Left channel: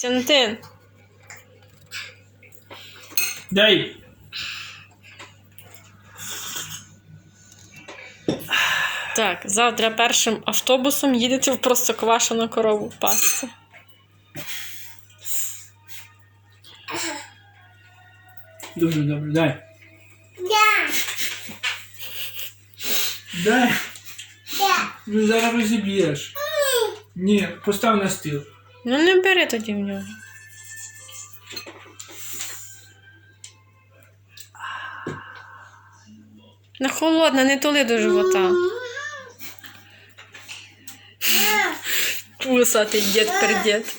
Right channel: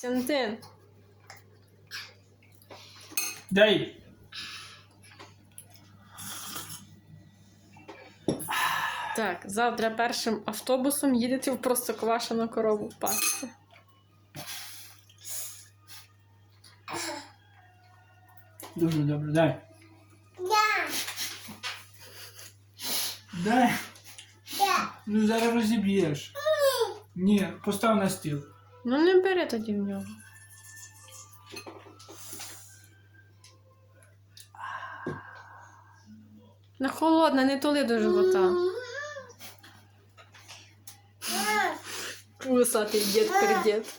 Костянтин. Дай. Так, завтра першим автобусом їдете в простоквашену корову пасти. Дуже добре, дай. Дай. Ну зараз розіб'єш. Ні, постав на стіл. Ну не бери тоді в нього. На холодна, не тули до живота. Вусатий дід пердід.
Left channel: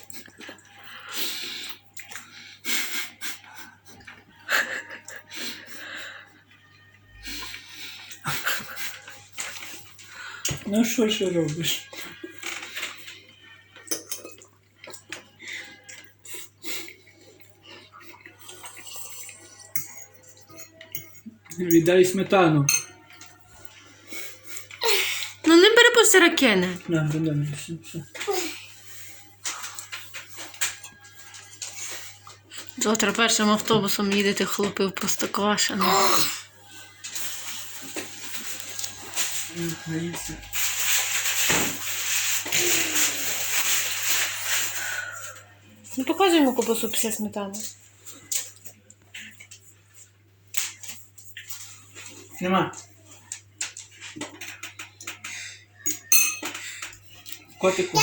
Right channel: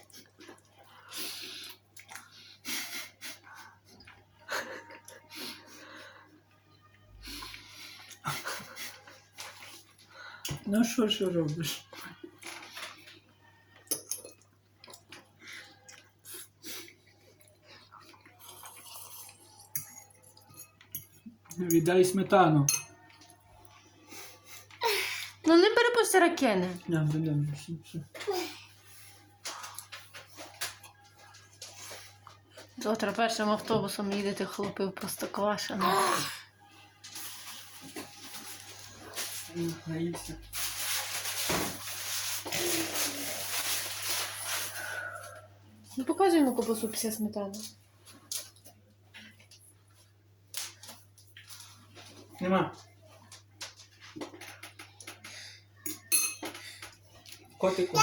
Ну що ще робиш? Віддай сметану. Ну не бери по сирокини. На, добре, все, все. Завтра першим автобусом їдете хлопи в простоквашину. Ну, показуй йому копасу після сметани. Нема. Котику.